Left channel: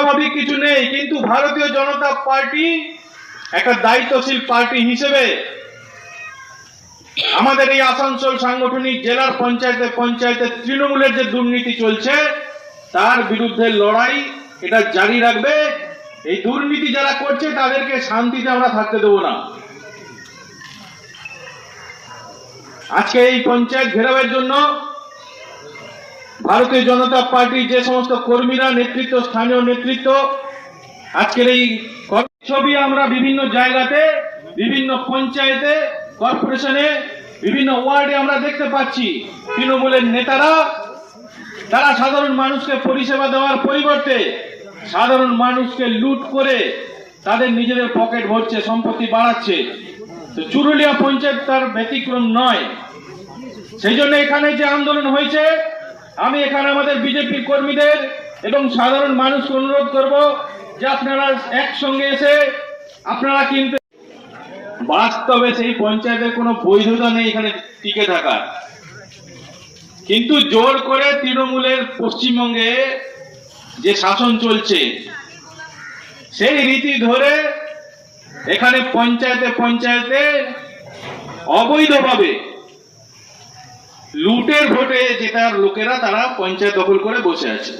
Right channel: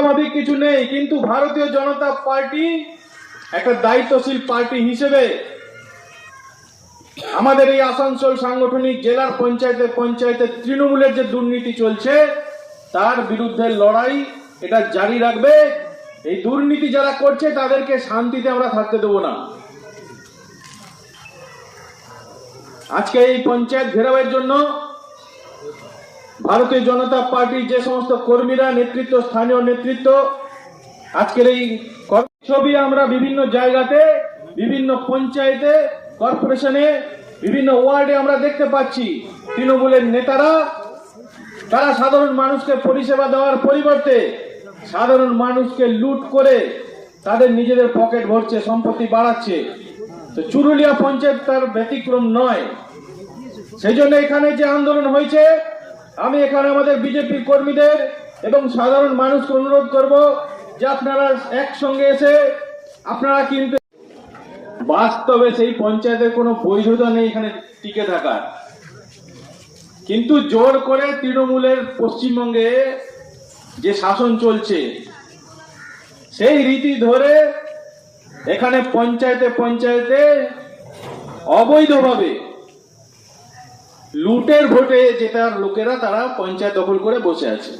অস্বাভাবিক কিছু নেই, কিন্তু ভারতীয় জনতা পার্টি একটা দায়িত্বশীল পার্টি হিসেবে আমাদের এই আসানসোল সাংগঠনিক জেলার পঞ্চায়েতে পঞ্চায়েতে তৃণমূলের যে দুর্নীতি চলছে তার বিরুদ্ধে লড়াই এটা জারি রাখবে। এই দুর্নীতি যারা করছে তাদেরকে শান্তিতে আমরা থাকতে দেব না। আজকে এই পঞ্চায়েত ঘেরাওয়ের জন্য ভারতীয় জনতা পার্টির যে সমস্ত কর্মীরা, নেতৃত্ব, স্থানীয় নেতৃত্ব, আজকের এই ছবি আমরা বিভিন্ন জায়গাতে, বিভিন্ন পঞ্চায়েতে, কর্পোরেশনে, বিভিন্ন ওয়ার্ডে আমরা দেখতে পাচ্ছি। তৃণমূলের নেতারা তারা সাধারণ মানুষকে পরিষেবা দেওয়ার পরিবর্তে সাধারণ মানুষকে লুট করে তাদের নিজেদের পকেট ভরছে, সম্পত্তি বাড়াচ্ছে। তো চুরুলিয়া পঞ্চায়েত তার ব্যতিক্রম নয়। সেই জন্য এখানে যে আন্দোলন হয়েছে, আমি এখানে আমাদের বিজেপি কর্মীদের এবং সাধারণ মানুষকে অনুরোধ করব যে আপনারা একসঙ্গে এসে আপনারা কিন্তু বাস্তবে সেই পঞ্চায়েতের কোনো বৈধতা নেই এখানে টিকে থাকার, কিন্তু জোর করে তৃণমূলের পশ্চিমবঙ্গে যে শাসন চলছে সেই রীতি ধরে এখানে পঞ্চায়েতে পঞ্চায়েতে অবৈধভাবে লুটের ভোটে জেতার লোকেরা তারা পঞ্চায়েত দখল করে বসে আছে।